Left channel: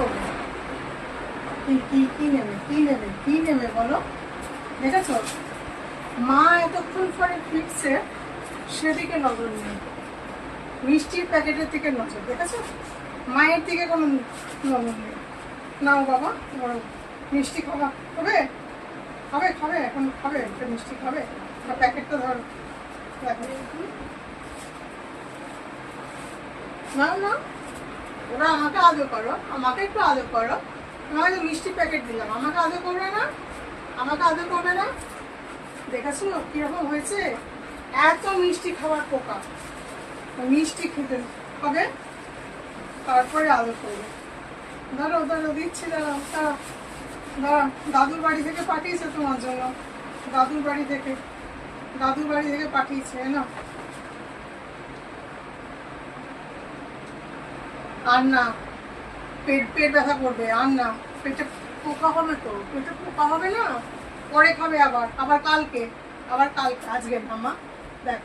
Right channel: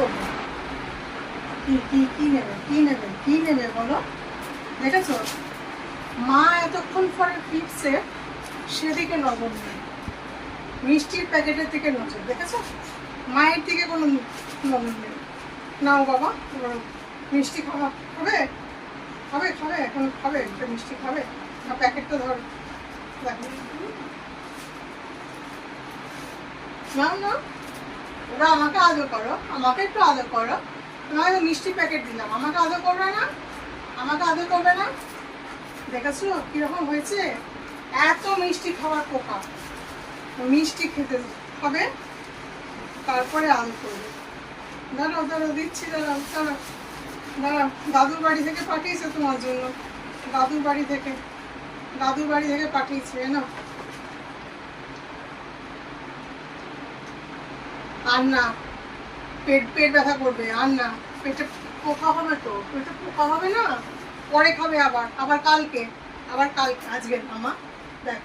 করবো? কি কি কি নেবে, কি নেবে, কি নেবে বলো? দেখেছো, মা এতক্ষণ পরে ফিরছে, সেদিকে নজর নেই, মিষ্টির প্যাকেটের দিকে নজর। দেখেছো, মায়ের দিকে কোনো নজর নেই। নাও বাবা, তোমার মিষ্টি খাওয়া হবে, খাবে খাবে এখন খাবে, একটা মিষ্টি খাবে না? প্যাকেটটা ধর, দেখো না না, ওরা আমাকে আদর করো, আমাকে একটু আদর করো। তোমাকে মিষ্টি প্যাকেট দিলাম, আমাকে আদর করবে না? আমাকে আদর করবে না? দেখেছো কিরকম হয়েছে? এত মিষ্টি খাওয়ার পোকা, মিষ্টি খেতে হবে তারপরে আদর করবে। দাঁড়াও দাঁড়াও, দিচ্ছি, দাঁড়াও দাঁড়াও দাঁড়াও। দাদুর বাড়ি থেকে পাঠিয়েছে তোমার জন্য, দাদুর বাড়ি থেকে, দাদুর বাড়ি থেকে পাঠিয়েছে না। আর না, পেট পেট ব্যথা করবে, আর না, পেটে পোকা হবে, তো পেটে পোকা হবে না, পরে খাবে আবার, আবার কালকে, আবার কালকে, আজকে না মা, দেখ